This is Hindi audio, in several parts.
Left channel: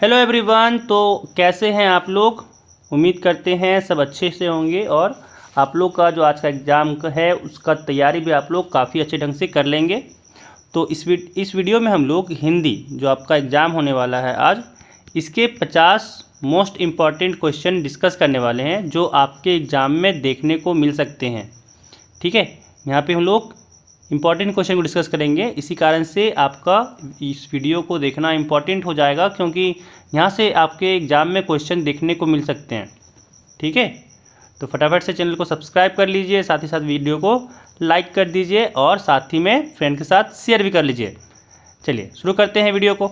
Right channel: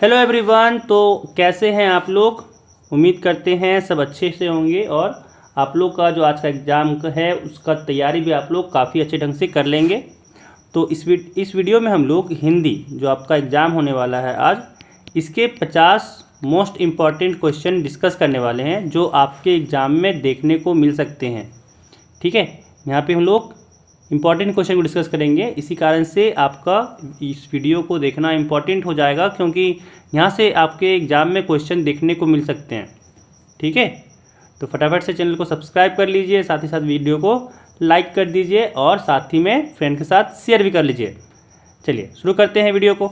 Hello everyone. तो कैसे हैं आप लोग? उम्मीद करते हैं सब अच्छे से होंगे और आप लोग का जो आज का एग्ज़ाम है उसका तैयारी भी आप लोग काफ़ी अच्छे ढंग से कर लेंगे। तो इस वीडियो में हम लोग हिंदी जो आपका एग्ज़ाम होने वाला है आज, इसके 50 मोस्ट इम्पॉर्टेंट क्वेश्चन डिस्कस करने वाले हैं जो आपके एग्ज़ाम में देखने को मिल सकते हैं। ठीक है, यहाँ पे हम लोग इम्पॉर्टेंट क्वेश्चन को डिस्कस करेंगे। इसी कारण से आपका इस वीडियो को देखना इम्पॉर्टेंट हो जाएगा, क्योंकि यहाँ से आपके एग्ज़ाम में क्वेश्चन देखने को मिल सकते हैं। ठीक है, तो फटाफट से चैनल को सब्सक्राइब कर लीजिए, साथ ही साथ वीडियो को लाइक कर दीजिए और साथ ही में फ्रेंड के साथ शेयर भी कर लीजिए। चलिए शुरू करते हैं वीडियो को।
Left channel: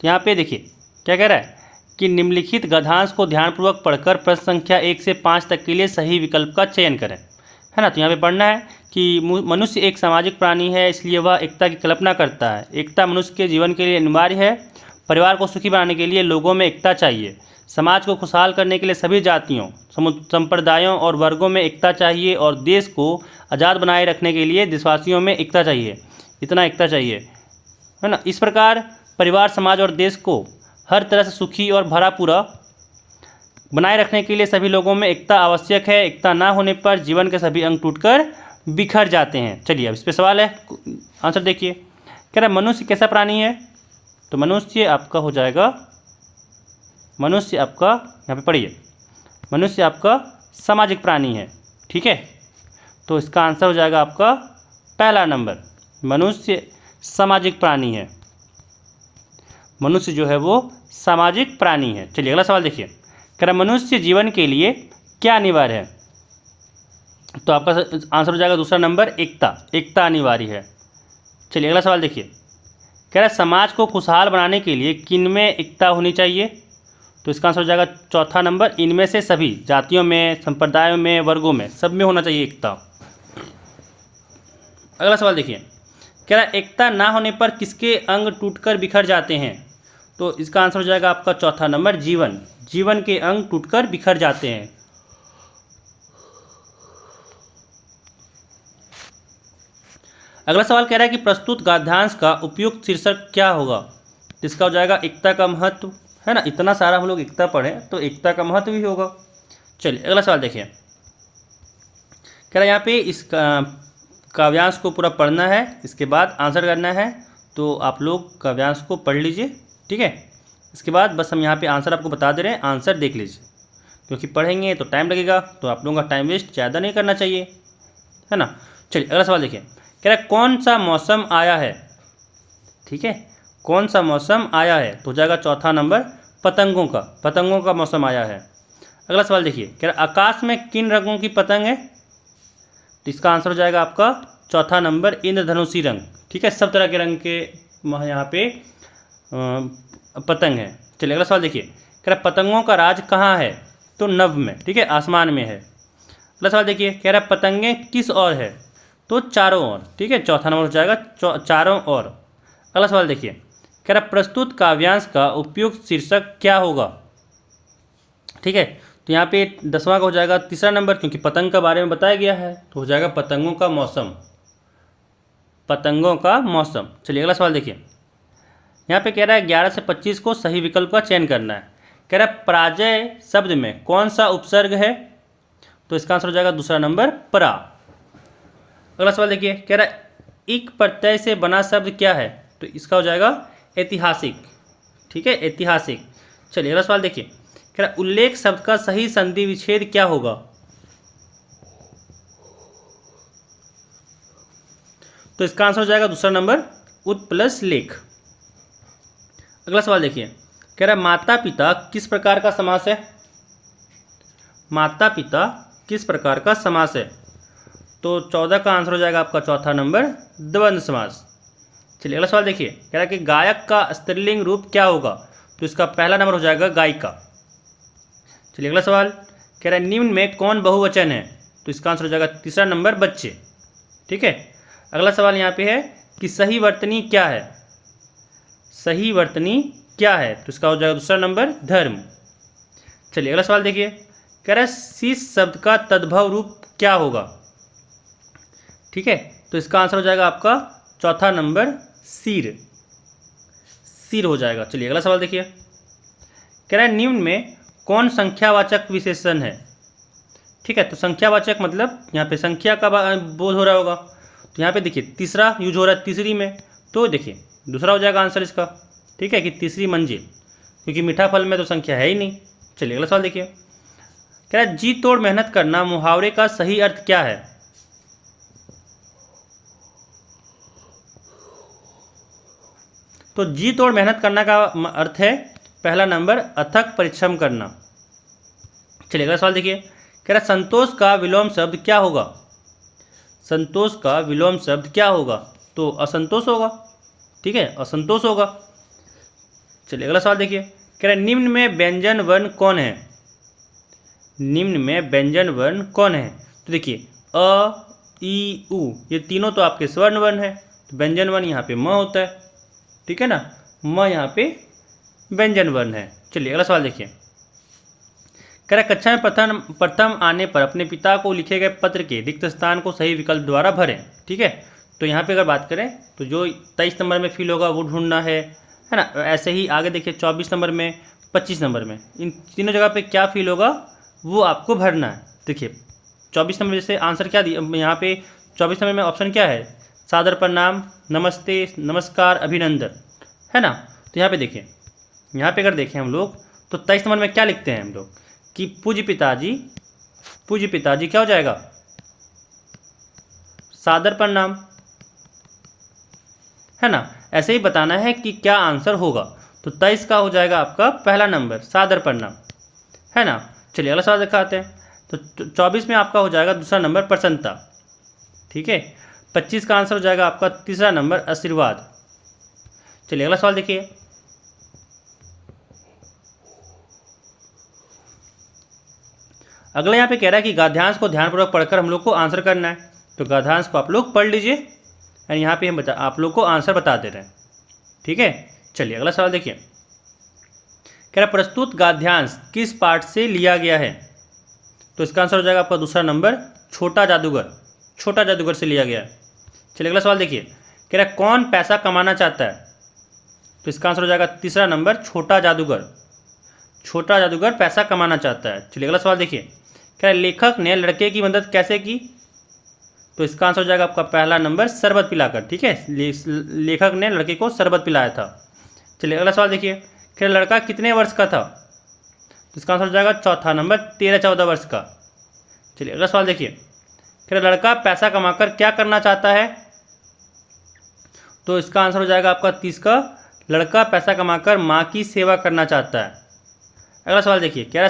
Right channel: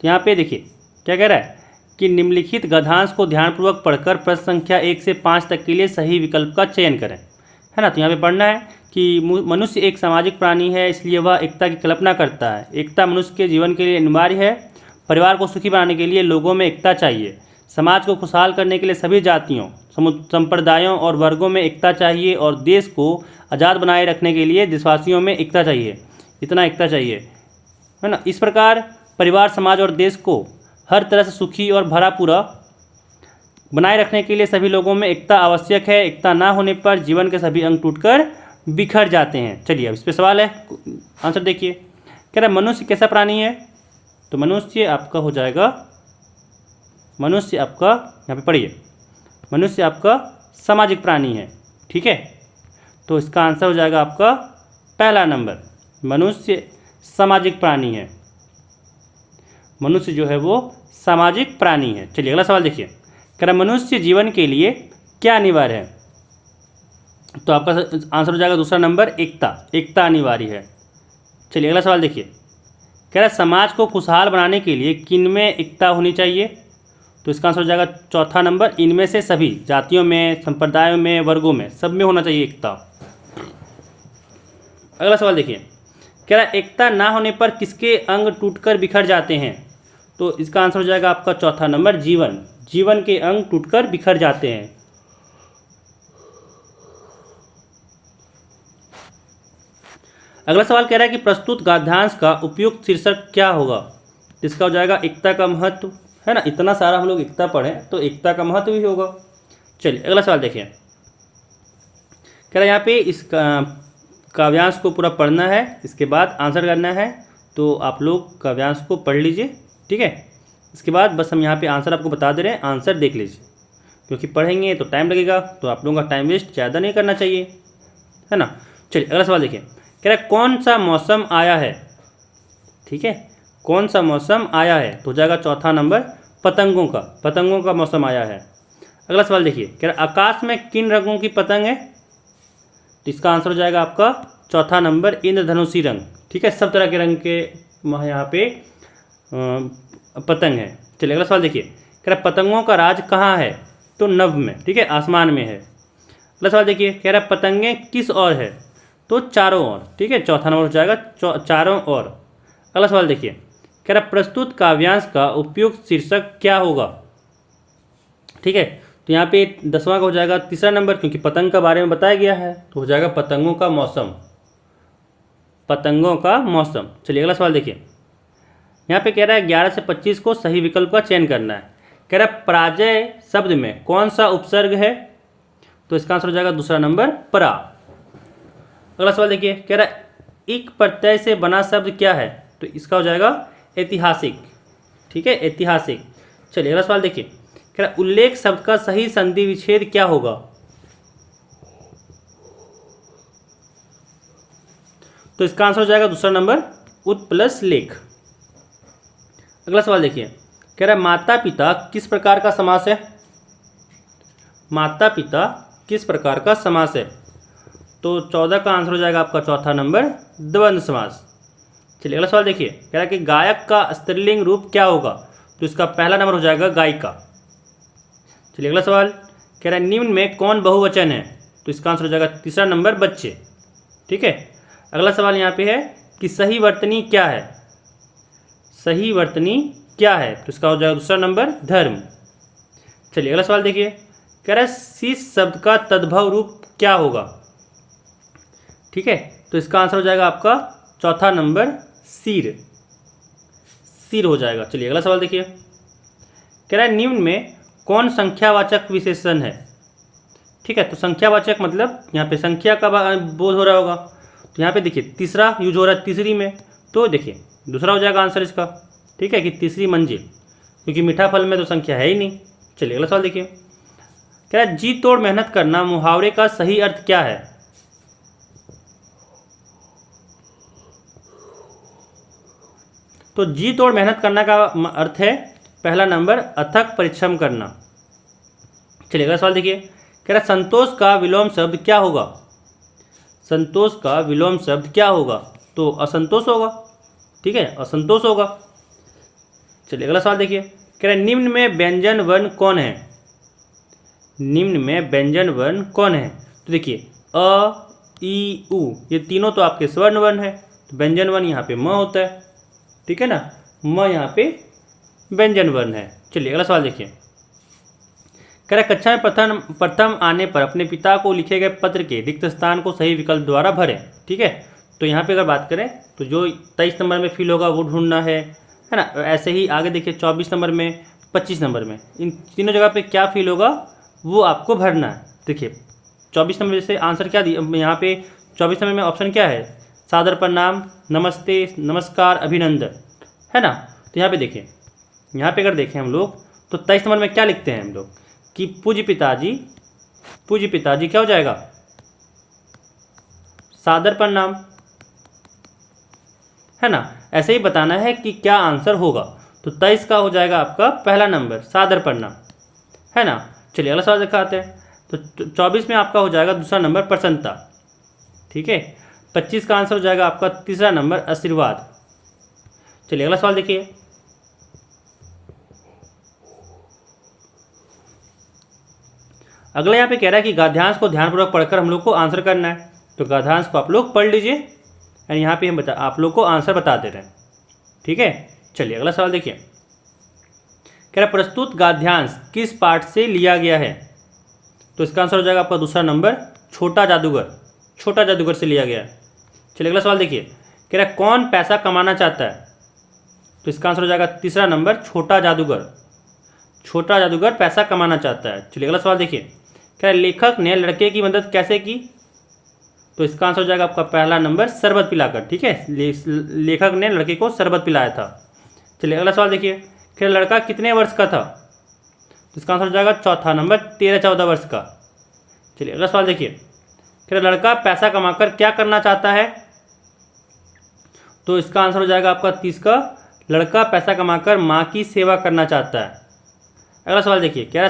तो यहाँ पे देखिए क्या कह रहा है कि निम्नलिखित गद्यांश को ध्यानपूर्वक पढ़कर प्रश्न संख्या 1 से 5 तक के लिए सही विकल्प का चयन करें। है ना। तो यहाँ पे पढ़ना है कि मनुष्य एक सामाजिक प्राणी है, इसलिए वह एकता की कल्पना करता है। एकता मनुष्य के जीवन के लिए अनिवार्य है। परिवार को सुखी बनाने के लिए लोगों में एकता चाहिए। समाज को खुशहाल करने के लिए सभी जातियों, संप्रदायों और वर्गों में एकता चाहिए और देश को आज़ाद बनाए रखने के लिए देशवासियों में एकता चाहिए। इतना एकता चाहिए, है ना। इस प्रकार परिवार, समाज और देश को हर तरह से सुखी और भरा पूरा बनाए रखने के लिए सभी लोगों में एकता आवश्यक है। एकता ना होने पर जीवन के सभी अंग टूटकर बिखर जाते हैं। चलिए अब इस पे सवाल है, आंसर देखिए। कह रहा मनुष्य कैसा प्राणी है? तो मनुष्य आपका हो जाएगा, मनुष्य आपका यहाँ पे पढ़िए, मनुष्य आपका सामाजिक प्राणी है। ठीक है, तो इसका आंसर हो जाएगा आपका पहला नंबर, मनुष्य सामाजिक प्राणी है। मनुष्य जो है वो सामाजिक प्राणी है। चलिए अगला सवाल देखिए। कह रहा मनुष्य जीवन के लिए क्या अनिवार्य है? तो आपका आंसर हो जाएगा दूसरा नंबर, एकता। एकता अनिवार्य है। चलिए अगला सवाल देखिए। कह रहा समाज को खुशहाल बनाने के लिए किन में एकता होनी चाहिए? तो इसका आंसर हो जाएगा चौथा नंबर, इनमें से सभी जातियों में, संप्रदायों में, वर्गों में, सब में होना चाहिए एकता। अगला सवाल देखिए। कह रहा एकता ना होने पर किसके अंग टूटकर बिखर जाते हैं? तो इसका आंसर हो जाएगा आपका चौथा नंबर, जीवन। जीवन के अंग टूटकर बिखर जाते हैं। अगला सवाल कह रहा है कि प्रस्तुत गद्यांश का उपयुक्त शीर्षक क्या होगा? तो इसका हो जाएगा एकता का महत्व। है ना, इतना सारा हम लोग एकता पढ़ें तो एकता का महत्व भी होगा। चलिए अगला सवाल देखिए। कह रहा है यहाँ पे इस काव्यांश को पूरा पढ़ना है, इसके बाद आंसर करना है। तो आप लोग काव्यांश को पढ़ लीजिए। ठीक है, इसके बाद बस हम यहाँ पे आंसर आपको बता दे रहे हैं, आंसर देख लीजिए, क्योंकि पढ़ेंगे तो टाइम लगेगा, तो आप लोगों का टाइम वेस्ट ज़्यादा नहीं करना चाहिए, है ना। चलिए अगला सवाल देखिए। कह रहा है कौन सा मौसम आया है? ठीक है, कौन सा मौसम आया है? तो हो जाएगा चौथा नंबर, पतंगों का। पतंगों का मौसम आया है। अगला सवाल देखिए। कह रहा है आकाश में किन रंगों की पतंग है? तो इसका आंसर हो जाएगा आपका चौथा नंबर, इंद्रधनुषी रंग। ठीक है, सब तरह के रंग के यहाँ पे पतंग है। चलिए अगला सवाल देखिए। कह रहा पतंगों का राज कहाँ है? तो नभ में। ठीक है, आसमान में है। अगला सवाल देखिए। कह रहा पतंगे किस ओर है? तो चारों ओर। ठीक है, चौथा नंबर हो जाएगा चारों ओर। अगला सवाल देखिए। कह रहा प्रस्तुत काव्यांश का उपयुक्त शीर्षक क्या होगा? ठीक है, तो यहाँ पे 10वां का हो जाएगा तीसरा नंबर, क्योंकि पतंग के बारे में बताया गया है, तो हो जाएगा पतंगों का मौसम। पतंगों का मौसम। चलिए अगला सवाल देखिए। यहाँ पे कह रहा है 11 से 25 को सही विकल्प का चयन करना है। कह रहा है पराजय शब्द में कौन सा उपसर्ग है? तो इसका आंसर हो जाएगा दूसरा नंबर, परा। अगला सवाल देखिए। कह रहा है इक प्रत्यय से बना शब्द क्या है? तो इसका हो जाएगा ऐतिहासिक। ठीक है, ऐतिहासिक। चलिए अगला सवाल देखिए। कह रहा है उल्लेख शब्द का सही संधि विच्छेद क्या होगा? तो इसका आंसर हो जाएगा दूसरा नंबर, उत प्लस लेख। अगला सवाल देखिए। कह रहा है माता पिता किस प्रकार का समास है? माता पिता किस प्रकार का समास है? तो 14 का आंसर हो जाएगा आपका चौथा नंबर, द्वंद्व समास। चलिए अगला सवाल देखिए। कह रहा है कि गायक का स्त्रीलिंग रूप क्या होगा? तो इसका पहला नंबर हो जाएगा गायिका। चलिए अगला सवाल। कह रहा है निम्न में कौन बहुवचन है? तो इसका आंसर हो जाएगा तीसरा नंबर, बच्चे। ठीक है, अगला सवाल यहाँ पे है कि सही वर्तनी क्या है? सही वर्तनी क्या है? तो इसका हो जाएगा दूसरा नंबर, धर्म। चलिए अगला सवाल देखिए। कह रहा है शीश शब्द का तद्भव रूप क्या होगा? ठीक है, तो इसका आंसर हो जाएगा आपका चौथा नंबर, सिर, सिर हो जाएगा। चलिए अगला सवाल देखिए, कह रहा है निम्न में कौन संख्यावाचक विशेषण है। ठीक है, तो संख्यावाचक मतलब यहाँ पे संख्या का बोध हो रहा होगा, तो यहाँ पे देखिए तीसरा यूज हो रहा है तीसरी में, तो देखिए दूसरा हो जाएगा आंसर इसका। ठीक है, कि तीसरी मंजिल, क्योंकि मीठा फल में तो संख्या है ही नहीं। चलिए अगला सवाल देखिए, कह रहा है जी तोड़ मेहनत करना मुहावरे का सही अर्थ क्या है। तो जी तोड़ मेहनत करना का अर्थ है पहला नंबर अथक परिश्रम करना। चलिए अगला सवाल देखिए, कह रहा संतोष का विलोम शब्द क्या होगा। संतोष का विलोम शब्द क्या होगा, तो असंतोष होगा। ठीक है, असंतोष होगा। चलिए अगला सवाल देखिए, कह रहा निम्न में व्यंजन वर्ण कौन है। निम्न में व्यंजन वर्ण कौन है, तो देखिए अ ई उ ये तीनों तो आपके स्वर्ण वर्ण है, तो व्यंजन वर्ण यहाँ पे म होता है। ठीक है ना, म यहाँ पे व्यंजन वर्ण है। चलिए अगला सवाल देखिए, कह रहा कक्षा में प्रथम आने पर अपने पिता को लिखे गए पत्र के रिक्त स्थान को सही विकल्प द्वारा भरें। ठीक है, तो यहाँ पे अगर बात करें तो जो 23 नंबर में फिल होगा वो ढूंढना है ना। ऐसे ही आगे देखिए 24 नंबर में, 25 नंबर में, इन तीनों जगह पे क्या फिल होगा वो आपको भरना है। देखिए 24 नंबर जैसे आंसर क्या दिया यहाँ पे, 24 नंबर में ऑप्शन क्या है, सादर प्रणाम, नमस्ते, नमस्कार, अभिनंदन, है ना। तो यहाँ पे देखिए, यहाँ पे अगर देखें हम लोग तो 23 नंबर में क्या लिखते हैं हम लोग कि पूज्य पिताजी, पूज्य पिताजी क्या हो जाएगा, सादर प्रणाम, है ना। ऐसे ही बताना है कि क्या आंसर होगा, तो 23 का हो जाएगा आपका पहला नंबर सादर प्रणाम, है ना। चलिए अगला सवाल दिखाते हैं, तो 24 में आपका हो जाएगा दूसरा नंबर प्रसन्नता। ठीक है, 25 का आंसर हो जाएगा आपका तीसरा नंबर आशीर्वाद। चलिए अगला सवाल देखिए, अगला यहाँ पे कह रहा है कि गद्यांश को ध्यानपूर्वक पढ़कर हम लोग को आंसर करना है। तो गद्यांश को आप लोग पढ़ लीजिए और यहाँ पे हम आप लोग को आंसर बता दे रहे हैं। ठीक है, चलिए अगला सवाल देखिए, कह रहा प्रस्तुत गद्यांश किस पाठ से लिया गया है। तो इसका आंसर हो जाएगा आपका दूसरा नंबर छोटा जादूगर, छोटा जादूगर से लिया गया है। चलिए अगला सवाल देखिए, कह रहा कौन पैसा कमाना चाहता है। तो इसका आंसर हो जाएगा तीसरा नंबर छोटा जादूगर, छोटा जादूगर पैसा कमाना चाहता है। चलिए अगला सवाल देखिए, क्या लेखक ने लड़के की मदद कैसे की। तो इसका आंसर हो जाएगा आपका पहला नंबर शरबत पिलाकर। ठीक है, लेखक ने लड़के को शरबत पिलाया था। चलिए अगला सवाल देखिए, क्या लड़का कितने वर्ष का था। तो इसका आंसर हो जाएगा चौथा नंबर 13-14 वर्ष का। चलिए अगला सवाल देखिए, क्या लड़का पैसा कमाकर क्या करना चाहता है। तो इसका आंसर हो जाएगा आपका 30 का, लड़का पैसा कमाकर माँ की सेवा करना चाहता है। अगला सवाल देखिए, कह रहा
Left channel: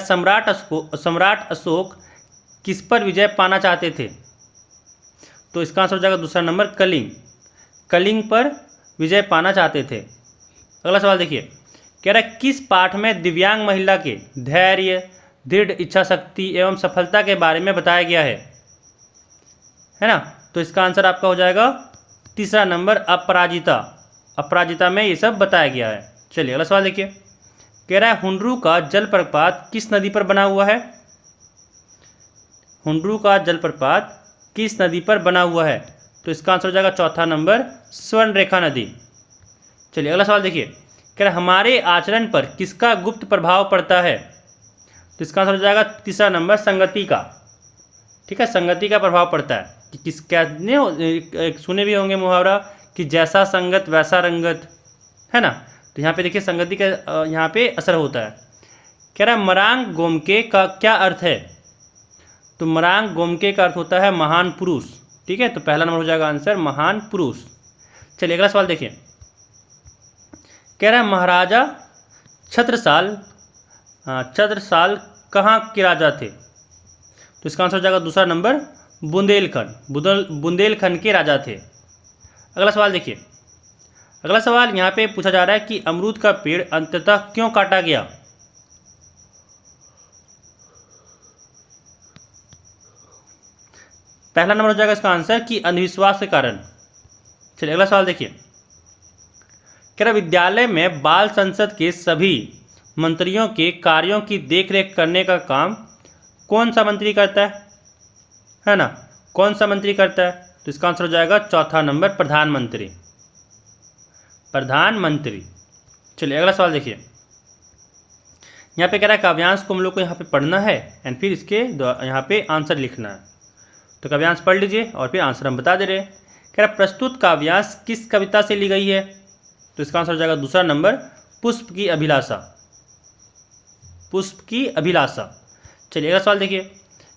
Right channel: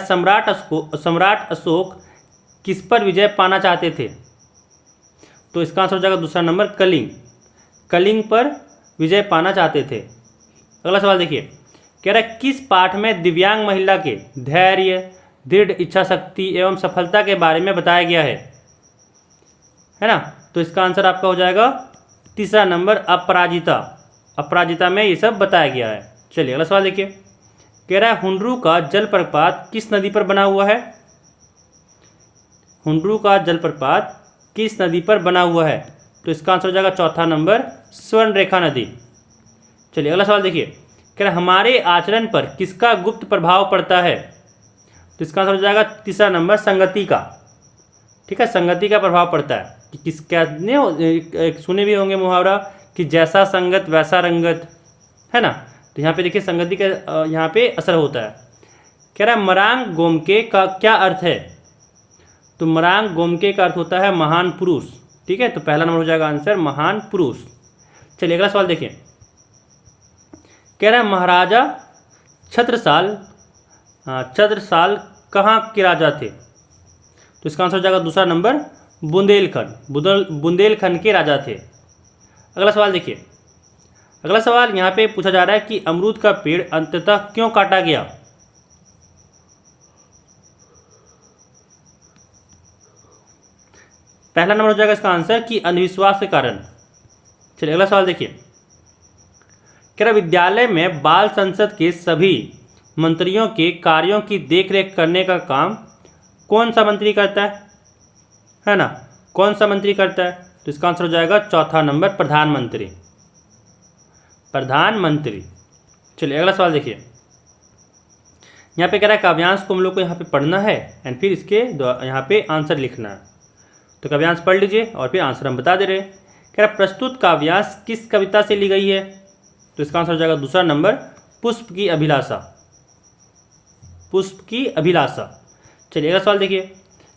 सम्राट अशोक किस पर विजय पाना चाहते थे। तो इसका आंसर हो जाएगा दूसरा नंबर कलिंग, कलिंग पर विजय पाना चाहते थे। अगला सवाल देखिए, कह रहा किस पाठ में दिव्यांग महिला के धैर्य, दृढ़ इच्छा शक्ति एवं सफलता के बारे में बताया गया है ना। तो इसका आंसर आपका हो जाएगा तीसरा नंबर अपराजिता, अपराजिता में ये सब बताया गया है। चलिए अगला सवाल देखिए, कह रहा है हुंडरू का जलप्रपात किस नदी पर बना हुआ है। हुंडरू का जलप्रपात किस नदी पर बना हुआ है। तो इसका आंसर हो जाएगा चौथा नंबर स्वर्णरेखा नदी। चलिए अगला सवाल देखिए, कह रहा हमारे आचरण पर किसका गुप्त प्रभाव पड़ता है। तो इसका आंसर हो जाएगा तीसरा नंबर संगति का। ठीक है, संगति का प्रभाव पड़ता है कि किस क्या सुने भी होंगे मुहावरा कि जैसा संगत वैसा रंगत, है ना। तो यहाँ पे देखिए संगति का यहाँ पे असर होता है। कह रहा है मरांग गोमके का क्या अर्थ है। तो मरांग गोमके का अर्थ होता है महान पुरुष। ठीक है, तो पहला नंबर हो जाएगा आंसर महान पुरुष। चलिए अगला सवाल देखिए, कह रहा है महाराजा छत्रसाल कहाँ के राजा थे। तो इसका आंसर हो जाएगा दूसरा नंबर बुंदेलखंड के राजा थे। अगला सवाल देखिए, अगला सवाल यहाँ पे पूछा जा रहा है कि अमरूद का पेड़ अंततः क्यों काटा गया। पहला नंबर हो जाएगा इसका आंसर कि अंधविश्वास के कारण। चलिए अगला सवाल देखिए, कह रहा विद्यालय में बाल संसद के सभी मंत्रियों के कार्यों की देखरेख करने का काम कौन सा मंत्री करता है ना, कौन सा मंत्री करता है। तो इसका आंसर हो जाएगा चौथा नंबर प्रधानमंत्री, प्रधानमंत्री। चलिए अगला सवाल देखिए, यहाँ पे कह रहा है काव्यांश को हम लोग को यहाँ पे पढ़ना है एंड फिर इसके यहाँ पे आंसर लिखना है। तो काव्यांश पढ़ लीजिए और फिर आंसर हम बता दे रहे हैं। कह रहा प्रस्तुत काव्यांश किस कविता से ली गई है? तो इसका आंसर हो जाएगा दूसरा नंबर, पुष्प की अभिलाषा। पुष्प की अभिलाषा। चलिए अगला सवाल देखिए,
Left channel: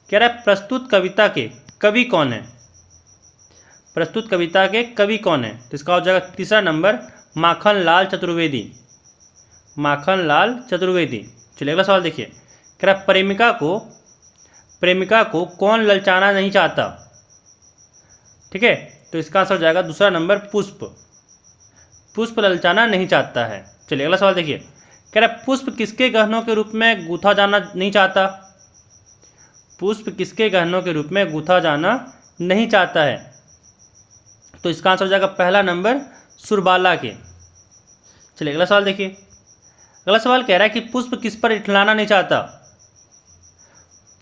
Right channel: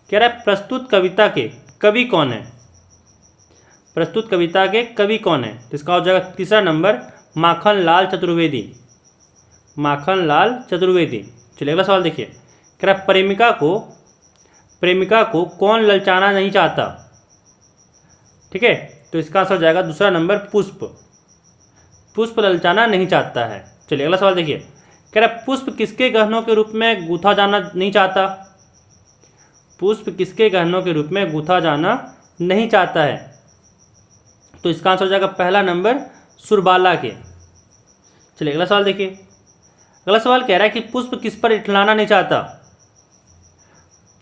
कह रहा है प्रस्तुत कविता के कवि कौन है? प्रस्तुत कविता के कवि कौन है? तो इसका हो जाएगा तीसरा नंबर, माखनलाल चतुर्वेदी। माखनलाल चतुर्वेदी। चलिए अगला सवाल देखिए, कह रहा प्रेमिका को कौन ललचाना नहीं चाहता? ठीक है, तो इसका आंसर हो जाएगा दूसरा नंबर, पुष्प। पुष्प ललचाना नहीं चाहता है। चलिए अगला सवाल देखिए, कह रहा पुष्प किसके गहनों के रूप में गूंथा जाना नहीं चाहता? पुष्प किसके गहनों के रूप में गूंथा जाना नहीं चाहता है? तो इसका आंसर हो जाएगा पहला नंबर, सुरबाला के। चलिए अगला सवाल देखिए, अगला सवाल कह रहा है कि पुष्प किस पर इठलाना नहीं चाहता?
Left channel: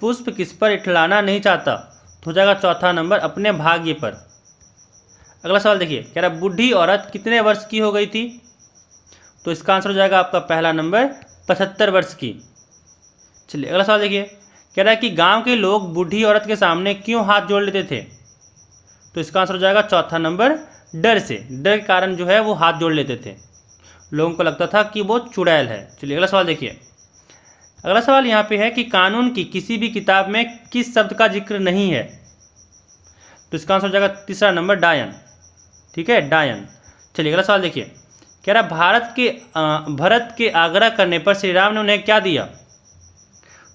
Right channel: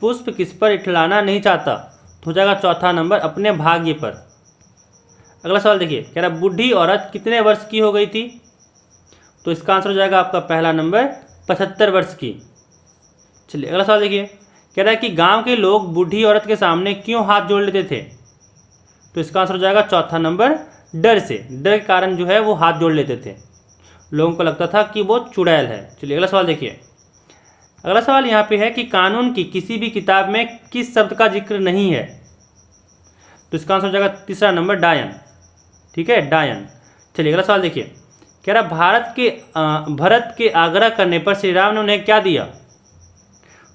पुष्प किस पर इठलाना नहीं चाहता? तो हो जाएगा चौथा नंबर, अपने भाग्य पर। अगला सवाल देखिए, कह रहा बूढ़ी औरत कितने वर्ष की हो गई थी? तो इसका आंसर हो जाएगा आपका पहला नंबर, 75 वर्ष की। चलिए अगला सवाल देखिए, कह रहा है कि गांव के लोग बूढ़ी औरत के सामने क्यों हाथ जोड़ लेते थे? तो इसका आंसर हो जाएगा चौथा नंबर, डर से। डर के कारण जो है वो हाथ जोड़ लेते थे, लोगों को लगता था कि वो चुड़ैल है। चलिए अगला सवाल देखिए, अगला सवाल यहाँ पे है कि कानून की किसी भी किताब में किस शब्द का जिक्र नहीं है? तो इसका आंसर हो जाएगा तीसरा नंबर, डायन। ठीक है, डायन। चलिए अगला सवाल देखिए, कह रहा भरत के आग्रह करने पर श्री राम ने उन्हें क्या दिया?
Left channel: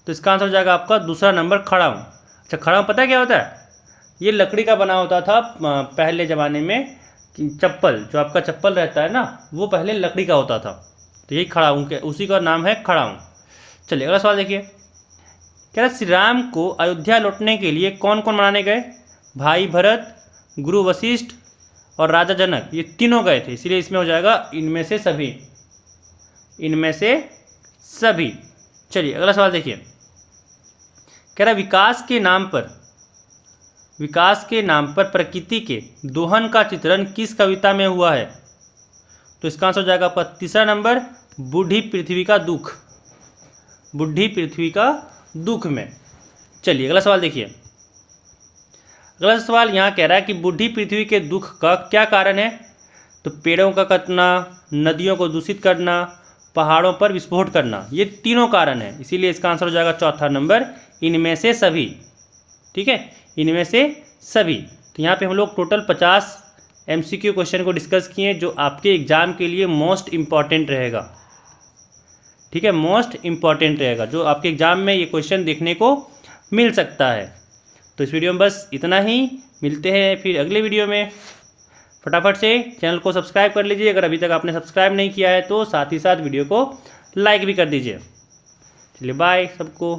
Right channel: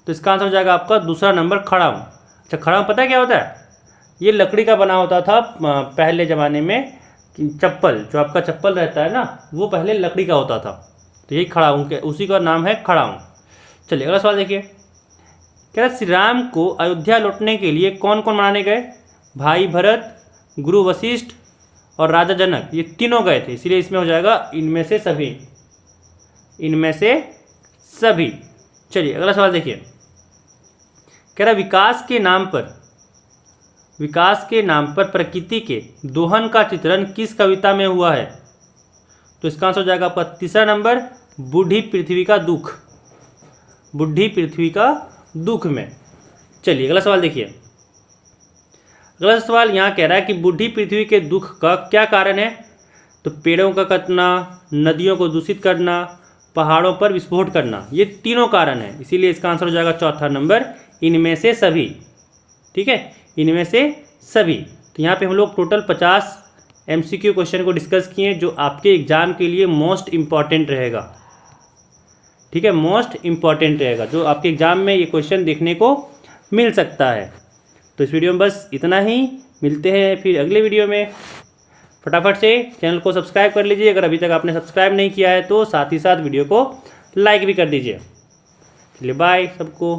तो इसका आंसर हो जाएगा आपका दूसरा नंबर, खड़ाऊँ। अच्छा, खड़ाऊँ पता क्या होता है? ये लकड़ी का बना होता था पहले ज़माने में। चप्पल, जो आपका चप्पल रहता है ना, वो पहले लकड़ी का होता था। तो ये खड़ाऊँ के, उसी का नाम है खड़ाऊँ। चलिए अगला सवाल देखिए, क्या श्री राम को अयोध्या लौटने के लिए कौन कौन मनाने गए? भाई भरत, गुरु वशिष्ठ और राजा जनक, ये तीनों गए थे, इसलिए इसमें हो जाएगा इनमें से सभी। इनमें से सभी। चलिए अगला सवाल देखिए, कह रहा विकास के नाम पर प्रकृति के दोहन का चित्रण किस कविता में हुआ है? तो इसका आंसर हो जाएगा आपका तीसरा नंबर, बूढ़ी पृथ्वी का दुख। बूढ़ी पृथ्वी का दुख में। चलिए अगला सवाल देखिए, अगला सवाल यहाँ कह रहा है कि बूढ़ी पृथ्वी के दुख का क्या कारण है? तो पेड़ों का कटना, नदियों को दूषित करना, पहाड़ों पर विस्फोट करना, ये तीनों कारण है, इसीलिए इसका आंसर हो जाएगा चौथा नंबर, इनमें से सभी। ठीक है, इनमें से सभी। तो यहाँ पे हम लोग टोटल 50 MCQ क्वेश्चन को डिस्कस किए, जो आपके एग्जाम के लिए मोस्ट इम्पॉर्टेंट रहेगा। ठीक है, मोस्ट इम्पॉर्टेंट रहेगा, जो आपके एग्जाम में ये क्वेश्चन देखने को मिल सकता है। तो इस वीडियो में बस इतना ही, मिलते हैं फिर अगले वीडियो में। फटाफट से चैनल को सब्सक्राइब कर लीजिए, अगर अभी तक आपने सब्सक्राइब नहीं किया है तो साथ ही साथ वीडियो को लाइक भी कर दीजिए। चलिए बाय सबको।